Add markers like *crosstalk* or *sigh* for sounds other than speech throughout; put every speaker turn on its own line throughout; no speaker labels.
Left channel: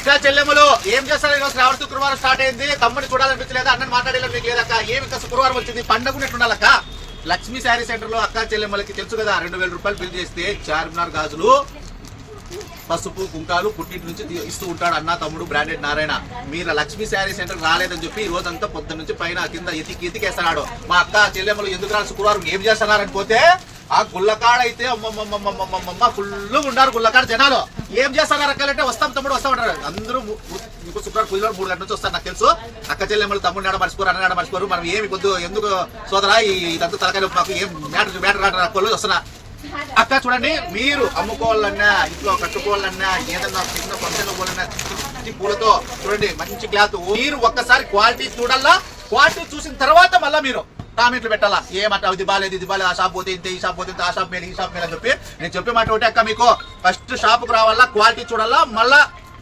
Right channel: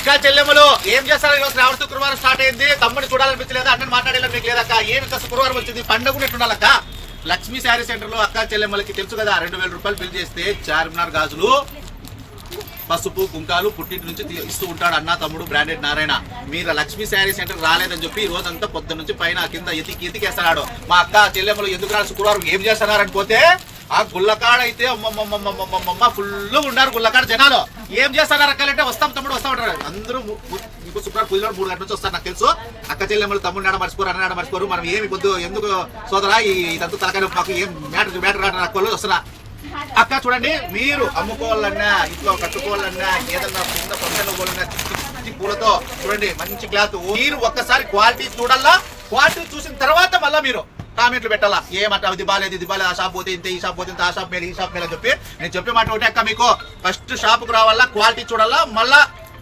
అక్క చెల్లెమ్మలు ఏం చేస్తారు ఈరోజు శ్రావణ శుక్రవారం స్టార్ట్ అయింది? తమ్ముని చూడాలనిపించలేదా? అన్నని మాట్లాడేలా మీకు లేదక్క ఏమి ఇంత శుక్రవారం వచ్చింది? పండగ ఉన్నట్టుండాలక్క లక్ష్మీ శారీ సెంటర్లో అక్క చెల్లెమ్మలకి తెలుసు కదా రెండు వేల రూపాయలు బిల్ చేస్తే చార్మినార్ గాజులు పసుపు కుంకాలు పుట్టింటి నుంచి ఇస్తూ ఉంటాడు అన్న తమ్ముడు బ్రాండెడ్ నారాయణ. మీరు లక్ష్మీ శారీ సెంటర్ రాలేదని చెప్పి ఈ రోజంతా పొద్దు నుంచి పైన కింద ఎతికి ఎతికేస్తున్నాడు. మా అక్క చెల్లెమ్మలు ఎందుకు రాని శుక్రవారం? ఏం చేస్తున్నారని పోతే ఆ గుల్లకాడ అయితే అమ్మమ్మమ్మమ్మమ్మమ్మ ఫుల్ ఉన్నారు గుల్లకాడ జనాలు. ఏం చేస్తారు రకాలంటే వస్తాం తమ్ముడు వస్తాం అంటారు. అందరూ ఇంకో శుక్రవారం పూజలో మూడు గంటల నుంచి వస్తారు నాకు తెలుసు. అక్క చెల్లెమ్మలు తమ్ముడు నాడ మర్చిపోరు అన్ననాడ మర్చిపోరు. మనం ఏమి కొద్దు ఎందుకు సోదరా ఈ- ఇదంతా తలకాయ మాకు ఏం మ్యాటర్ మ్యాటర్ కాదు నాకు వాళ్ళు వస్తున్నా. అక్క చూడండి మీరు అమ్ముకోవాలన్నా ఇంట్లో కట్టుకోవాలన్నా ఏదన్నా చిన్న ఫంక్షన్ పోవాలన్నా పూలతో చూడండి మంచి క్లాత్. మీరు ఒక్కసారి క్వాలిటీ చూడాలా క్వాలిటీ చూసిన తర్వాత మళ్ళా మీరు. కామెంట్లు పెట్టాలా? ఏమంట ఇది బాలేదు ఇది బాగాలేదు ఆ షాప్ పోతే ఇంత ఈ షాప్ పోతే ఇంత ఆ షాప్ మేలు ఈ షాప్ మేలు అని చెప్పి నేను చెప్పే మాట ఒకటే అక్క మీకు. ఫస్ట్ షాప్కి రావాలా క్వాలిటీ చూడాలా మళ్ళా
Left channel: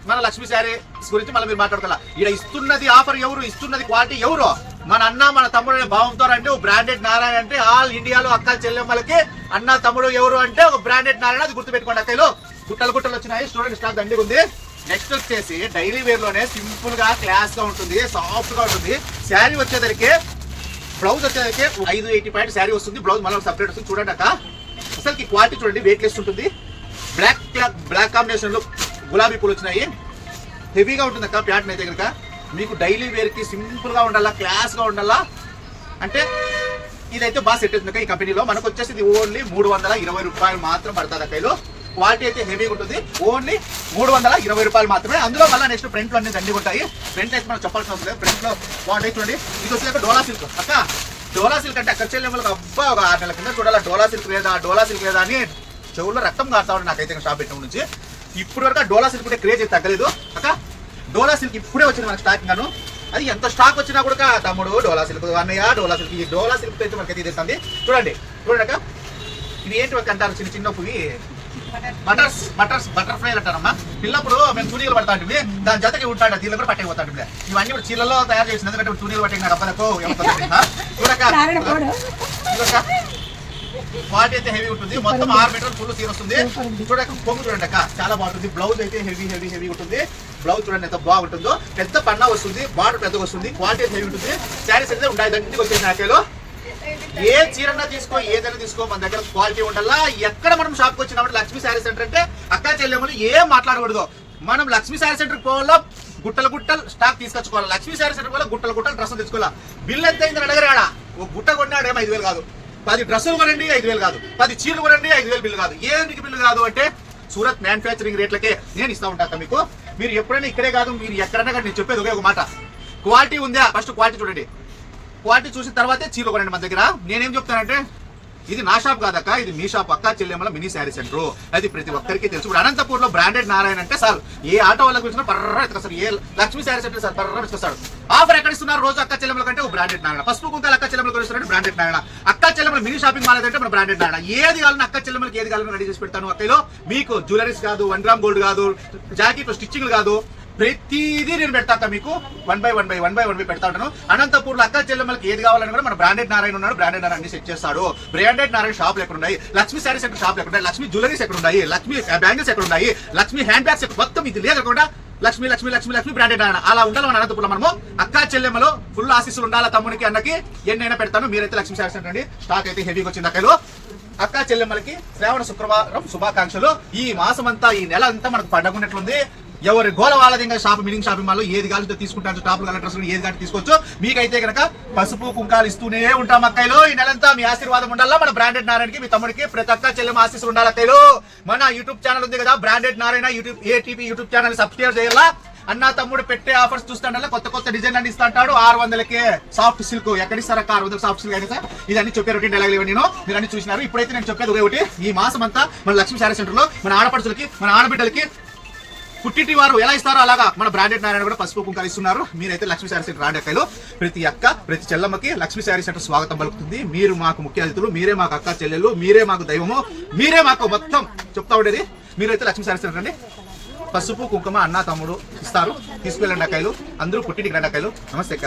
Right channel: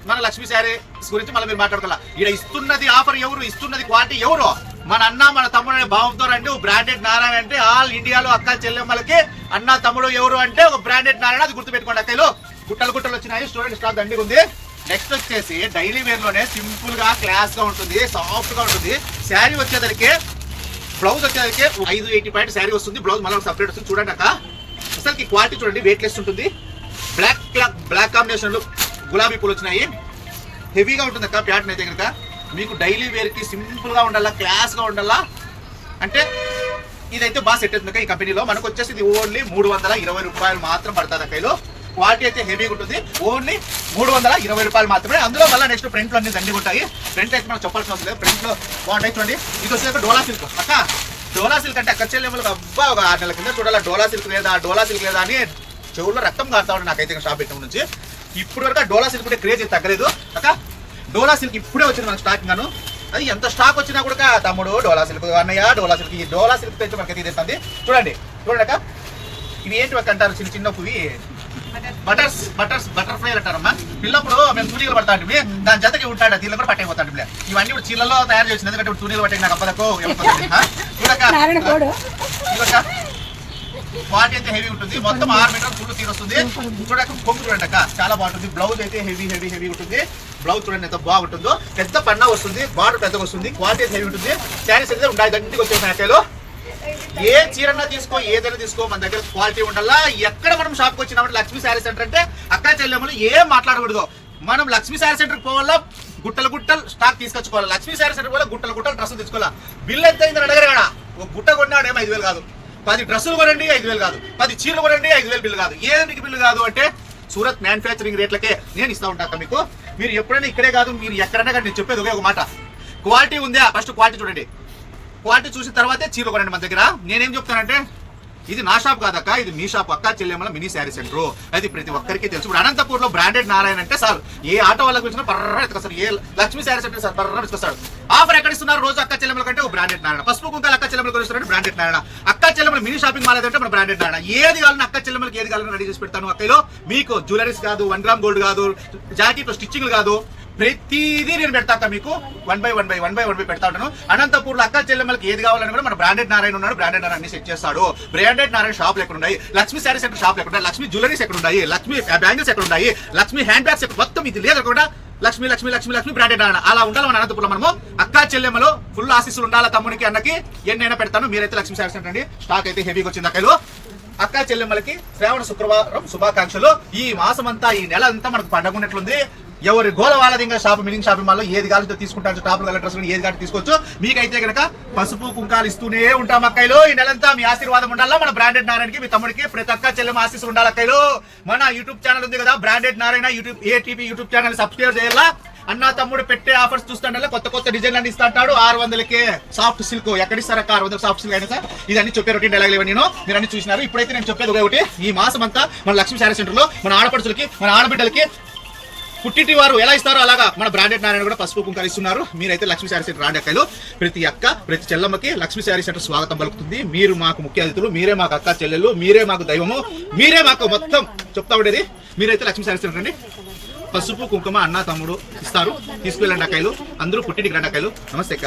మన లక్ష్మీ శారీస్ గురించి మళ్ళీ మీరు మాట్లాడుకోవాలా. ఇక్కడ ఇస్తున్నది ఆఫర్ ఎవరు? ఇస్తున్నది క్వాలిటీ ఎవరు? మన అన్న మన తమ్ముడు అనే భావంతో అంటే బ్రాండెడ్ నారాయణ అంటే ఆల్ ఇండియాలో అక్క చెల్లెమ్మలకి అన్న తమ్ముడు ఎవరు అంటే ఒక బ్రాండెడ్ నారాయణ అది గుర్తుపెట్టుకోండి అక్కలు గుట్టలు గుట్టలు వచ్చినాయి స్టూడెంట్ స్టాక్ దండిగా ఉంది. నెక్స్ట్ వచ్చేసి డైలీ వేర్లోనే సింపుల్గా క్లాస్గా ఉంటుంది సాఫ్ట్గా ఉంటుంది. శారీ వచ్చేసరికి బ్లౌజ్ వచ్చేసరికి ఐదు ఎయిటీ పాయింట్ శారీ వస్తుంది. బ్లౌజ్ మళ్ళీ సపరేట్ వస్తుంది. చూడండి అక్క. అసలుకి క్వాలిటీ చూడండి. వెయిట్ లెస్ ఉంటుంది. బ్లాక్ బ్లాక్ కాంబినేషన్లో గులాబీ పూలు వచ్చినాయి. హెవీగా ఉంటుంది అక్క ప్యాటర్న్ అయితే కనుక. మీకు డైలీ వేర్కి సింపుల్గా ఉండాలా క్లాస్గా ఉండాలా? అంటే ఇదైతే బాగా సెట్ అవుతుంది అక్క ఈ కంపెనీలో మనకు వచ్చేసి ఇది ఓన్లీ మూడు వందల ఇరవై రూపాయలు మాత్రం పడుతుంది అక్కలో క్వాలిటీ అయితే హెవీగా ఉంటుంది. ఓన్లీ మూడు వందల ఇరవై రూపాయలు మాత్రమే. అందులో మళ్ళీ నెక్స్ట్ ప్రింట్లు అన్ని దండి ఉంటాయి. ప్రింట్ అయితే మనం చెప్పాల్సిన అవసరం లేదు. ప్రింట్లో బాగుంటాయి చూడండి. ఇది వచ్చేసి డోలా సిల్క్ అక్క డోలా సిల్క్ అంటే అక్కడ చెల్లెమ్మలకు అబ్బా ఒక ఆరు నెలల కింద చూడాలి డోలా సిల్క్ లేదా డోలా సిల్క్ లేదా అని చెవుల్లో రక్తం కారుతా ఉండే నాకైతే షాప్ పెట్టడం నుంచి. ఇప్పుడు వరకు డోలా సిల్క్ ఉంటే క్రేజ్ తగ్గలేదు. అక్క డోలా సిల్క్ ఇప్పుడే వచ్చింది మన స్టాక్ గాను అది ఎంత స్టాక్ వచ్చినా కూడా తమ్ముడు డోలా సిల్క్ అన్నయ్య డోలా సిల్క్ ఈ డోలా సిల్క్ అయితే మనకి తీస్తుంది చూడండి. చూడండి అక్క. ఇవి ఏంటి అంటారు? చిన్న చిన్న పువ్వు. బటర్స్ బటర్స్ బటర్ఫ్లై అంటారమ్మా పిల్లప్పుడు మేము తూనీలు పడతా ఉంటుంది దాని జతకి ఉంటాడు తీళ్ళు కూడా పట్టైపోతాడు ఇవన్నీ ఇప్పుడు చీరలో తయారు చేసింది ఎందుకంటే ఇప్పుడు తూనీలు పట్టే నాకు అబ్బలకు *laughs*
నారాయణ
చూడక.
కోడు
చూడక. క్వాలిటీ అయితే హెవీ ఉంటుంది. మొత్తం ఆరు మీటర్ ఫుల్ సీర్ వస్తుంది. చూడక కొంగు చూడండి అక్క. చాలా బాగుంటుంది. బ్లౌజ్ అయితే హెవీ హెవీ హెవీ ఉంటుంది. బ్లౌజ్ చూడండి ఎంత బాగుంటుందో. పెద్ద పన్నా వస్తుంది. బార్డర్ పెద్దగా వస్తుంది. క్వాలిటీ అయితే హెవీ ఉంటుంది. శారీస్ అయితే ఉండాలి. దండికి వచ్చేసిన ఏ చీరన్నా తీసుకో ఏదైనా తీసుకో మన దగ్గర క్వాలిటీ ఉండాలా? ఎక్కడ మనం షాప్కి వచ్చినప్పుడు లక్ష్మీ శారీ సెంటర్ అంటే అక్క చెల్లెమ్మలు ఏం మాట్లాడకూడదు. మనం లక్ష్మీ శారీ సెంటర్కి పోవాలా? గుట్టలు గుట్టలు స్టాక్ తీసుకొచ్చుకోవాలి? లక్ష్మీ శారీ సెంటర్ పోవాలి? గుట్టలు గుట్టలు డ్రెస్ తెచ్చుకోవాలా? బిల్ ఎంత అయిందని అడగరాడా ఒక గుట్ట కొన్నాడేమో ఐదు వేలు కాదు. పది డ్రెస్సులు కొనండి ఐదు వేలు కాదు. పది చీరలు కొనండి ఐదు వేలు బిల్లు కాదు. ఏంటికి బిల్లు కాదు అంటే సూరత్ మ్యానుఫ్యాక్చరింగ్ రేట్లకే నేను ఇస్తా ఉంటా అక్క మీకు. మీరు ఎప్పుడైనా ఇక్కడే కాదు మీరు ఎక్కడైనా కానీ నేను చెప్పేది ఒకే ఒక మాట. క్వాలిటీ ఉందా? ఫస్ట్ క్వాలిటీ చూడండి. క్వాలిటీ చూసిన తర్వాతే చీర కొనండి మన దగ్గర. నేనేం చెప్తానంటే ఇది నా షాప్ కాదక్క ఇది మీ షాప్ అక్క చెల్లెమ్మల మినీ శారీ సెంటర్. అది ప్రతి ఒక్కరికి తెలుసు. ఇప్పుడు అనంతపూర్లో బ్రాండెడ్ నారాయణ అంటే సార్ ఏ ఆటో వాళ్ళకి వచ్చినా పర్ర ఎత్తుకొస్తారు ఏ లక్ష్మీ శారీ సెంటర్ సార్ పర్ర ఎత్తుకొస్తాడు ఆఫర్ ఎక్కడ ఇస్తున్నారు? రోజు అక్క చెల్లెమ్మల కంటే ఒక బ్రాండెడ్ నారాయణ. పసుపు కుంకాలు అక్క చెల్లెమ్మలు కొనిస్తున్నాడు బ్రాండెడ్ నారాయణ. అక్క చెల్లెమ్మల మినీ షాపింగ్ మాల్ అంటే మన బ్రాండెడ్ నారాయణ. ఏది కావాలని అక్క చెల్లెమ్మలకి ఏది కావాలని రెడీ చేసి పెడతాను. అక్కలో మీకు జ్యువెలరీస్ కాదు వన్ గ్రామ్ గోల్డ్ కాదు జాకెట్ స్టిచ్చింగ్ కాదు. ప్రతిదీ నేను పెడతా మీకు. One by one by one by one by పెడతా ఉంటాను. అనంతపూర్లో అక్క చెల్లెమ్మలకి ఏది కావాలని కూడా మన బ్రాండెడ్ నారాయణ ఉన్నాడు. బ్రాండెడ్ నారాయణ సెట్ చేస్తాడు. బ్రాండెడ్ నారాయణ షాప్ ఎక్కడ ఉన్నాయి లక్ష్మీ శారీస్ ఎక్కడ షాప్ ఎక్కడ ఉన్నాయి లక్ష్మీ జ్యువెలరీస్ ఎక్కడ ఉన్నాయి లక్ష్మీ బ్యాంగిల్స్ ఎక్కడ ఉన్నాయి లక్ష్మీ హ్యాండ్ బ్యాగ్స్ ఎక్కడ మొత్తం ఇది లేదు కూడా లక్ష్మీ లక్ష్మీ లక్ష్మీ లక్ష్మీ బ్రాండెడ్ నారాయణ. అలా ఉండాలి మన అనంతపురం మనము. అక్క చెల్లెమ్మలో ఫుల్ ఆశీస్సులు ఉండాలి తమ్మునికి అన్నకి? ఎన్నైనా పెడతాను. మీరైతే లక్ష్మీ శారీస్ అండి స్టాక్ అయితే హెవీగా వచ్చింది అక్కలు. అక్క చెల్లెమ్మలకి శ్రావణ శుక్రవారం శుభాకాంక్షలు. ఈ మాసం అంతా ఈ నెల అంతా మనకు పండగ ఉన్నట్లుంది. ఎవరి గోల వాళ్ళది ఇంకా షాప్ మినింగ్ షాపింగ్ మాల్లో ఏది కావాలంటే తీసుకుంటారు టాప్ కలర్ డ్రెస్ ఏది కావాలి తీసుకోవచ్చు. మీకైతే కనుక పసుపు కుంకాలు ఇస్తూనే ఉంటాం అక్కయ్యలు. ఈ నెలంతా మీ ఆశీర్వాదం ఉండాలా? మన బ్రాండెడ్ నారాయణకి మీ తమ్ముడికి ప్రతి అక్క చెల్లెమ్మ ఆశీస్సులు ఉండాలి అక్కయ్యలు? మన యూట్యూబ్ ఛానల్ ఉంది కదా branded Narayana YouTube ATP YouTube channel subscribe చేయాలా? అన్న తమ్ముడు పెట్టే ఆఫర్స్ చూస్తాడల్లా కొత్త కొత్త డిజైన్ అన్ని ఇస్తాడు ఆరు వందలకే సాఫ్ట్ సిల్క్. ఎక్కడ ఇస్తారు అక్క? ఆరు వందల సాఫ్ట్ సిల్క్ అయినా సార్? ఇదన్నీ చెప్పే రొటీన్ డైలాగ్ నేను. మీరు అన్ని చూసినారు. ఇప్పుడైతే నేను చెప్పేది ఒకటి ఈ మాసం అంతా మన లక్ష్మీ శారీ సెంటర్లో మన ఆడపడుచులకి మన ఆడబిడ్డలకి పుట్టిటి వారు ఎలా ఇస్తారో అలాగా మన బ్రాండెడ్ నారాయణ కూడా పసుపు కుంకాలు ఇస్తున్నారు. మీరైతే లక్ష్మీ శారీ సెంటర్ రాండి అక్కలు ప్రతి అక్క ప్రతి చెల్లమ్మకి లక్ష్మీ శారీ సెంటర్ స్వాగతం పలుకుతుంది. మీరు మాకు ముఖ్య అతిథులు మీరే మాకు అక్క చెల్లెలు మీరే మాకు దైవము మీరే మాకు మొత్తం చెప్తా ఉండేది. మీరైతే లక్ష్మీ శారీ సెంటర్ అండి పసుపు కుంకుమ అన్న తమ్ముడు ఇస్తారు. తీసుకెళ్ళండి అక్కలు అందరూ పుట్టింటికి రండి అక్కలు నమస్తే అక్క.